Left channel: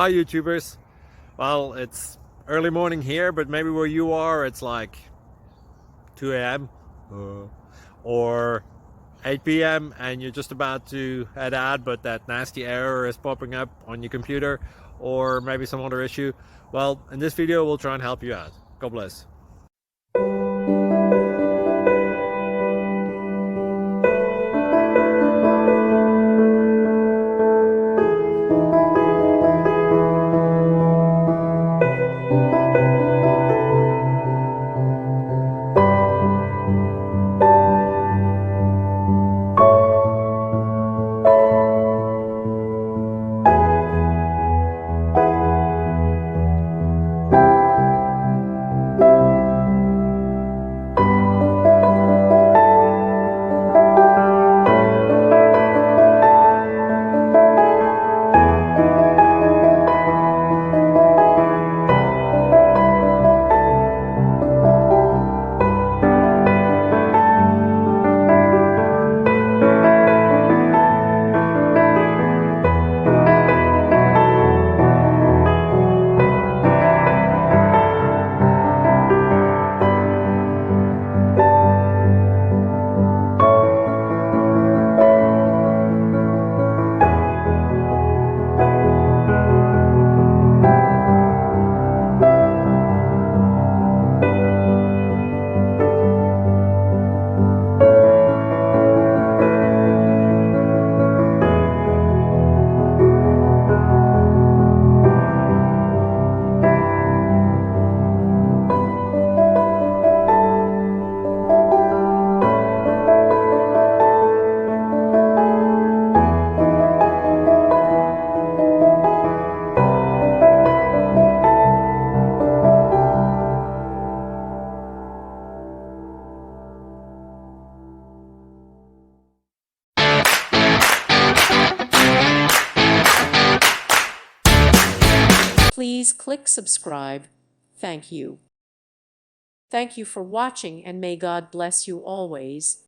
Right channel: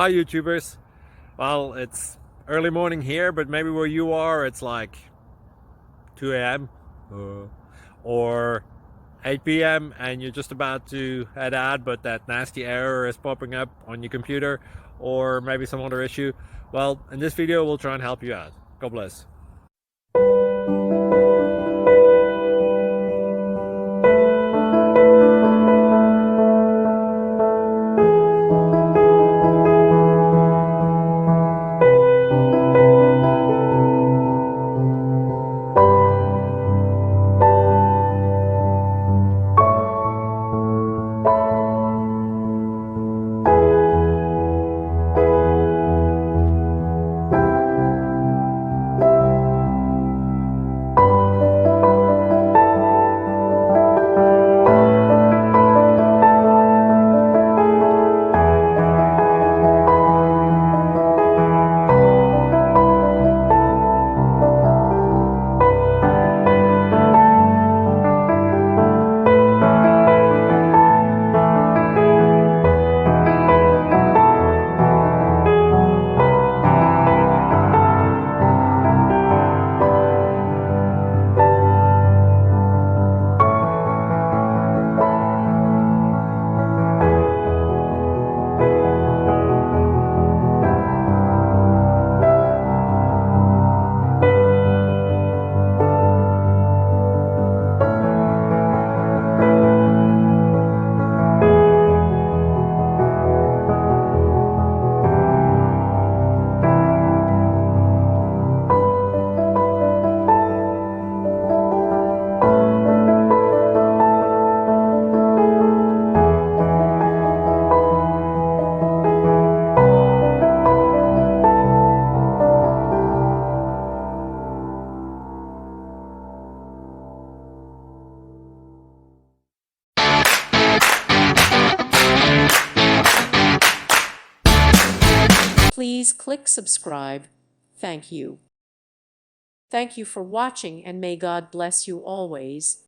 Hi YouTubers. Well, it's early morning here, but maybe where you are it's like 2 a.m. Or 8 p.m. and you're just about to head out, but that nasty error is popping up on your computer, or maybe some other issue. Well, in this video we'll try and help you out. God bless. Please click subscribe. Thank you. Thank you for watching, and may God bless you always.